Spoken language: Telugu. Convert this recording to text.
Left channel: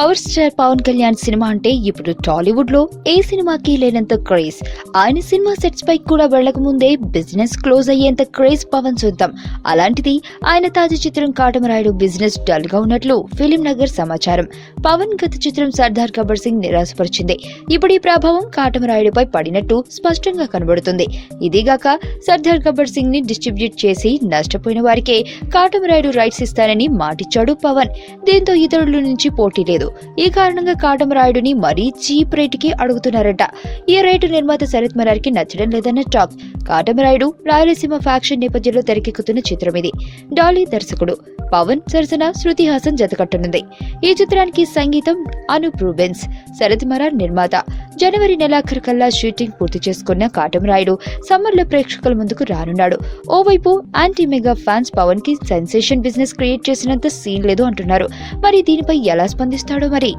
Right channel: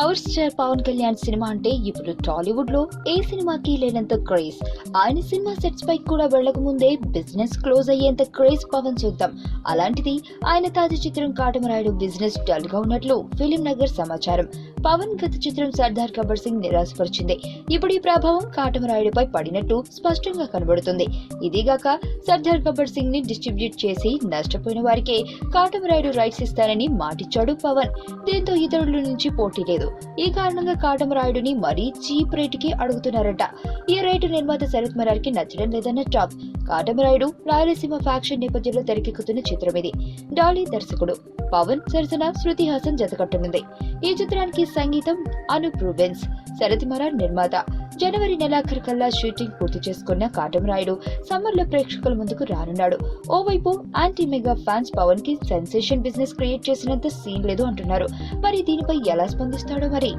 Power star Pawan Kalyan cinema అంటే ఇప్పుడు టాలీవుడ్ లో ఏ సినిమాకి లేనంత క్రేజ్. ఆయన సినిమా సెట్స్ పై కూడా వెళ్లక ముందే బిజినెస్ క్లోజ్ అయ్యేంత క్రేజ్ పవన్ సొంతం. అలాంటిది ఆయన తాజా చిత్రం కాటమరాయుడు బిజినెస్ డల్ గా ఉన్నట్లు ఫిలిం నగర్ సమాచారం. పవన్ గత చిత్రం సర్దార్ గబ్బర్ సింగ్ నిరాశపరిచింది. ఇప్పుడు ఈ ప్రభావం కాటమరాయుడుపై పడినట్టు స్పష్టంగా కనబడుతుంది. ఇదిగాక సర్దార్ గబ్బర్ సింగ్ ని డిస్ట్రిబ్యూట్ చేసి నష్టపోయిన వారికే కాటమరాయుడు రైట్స్ ఇస్తానని మాటిచ్చాడు పవన్. దీంతో ఇతరుల నుంచి పోటీ లేదు. ఈ కారణంగా కాటమరాయుడుని మరీ చీప్ రేటుకి అడుగుతున్నారట. ఈ రేటు నిర్మాత శరత్ మరార్కి నచ్చడం లేదన్న టాక్. కాటమరాయుడు రాయలసీమ ఫ్యాక్షన్ నేపథ్యంలో తెరకెక్కుతున్న చిత్రం ఇది. డాలీ దర్శకుడు. పవన్ సరసన శృతి హాసన్ జతకట్టనుంది. ఈ చిత్రానికి సంగీతం అనూప్ రూబెన్స్, శరత్ మరార్ నిర్మాత. జనవరి నెలాఖరు కల్లా షూటింగ్ పూర్తి చేసుకున్న కాటమరాయుడు సమ్మర్ లో ప్రేక్షకుల ముందుకు రానున్నాడు. ఓవైపు యాంటీ మెగా ఫ్యాన్స్ పవన్ కి సెన్సేషన్ బిజినెస్ క్రియేట్ చేసినంత సీన్ లేదు అంటున్నారు. మరి దీనిపై ఎలా స్పందిస్తాడో మరి.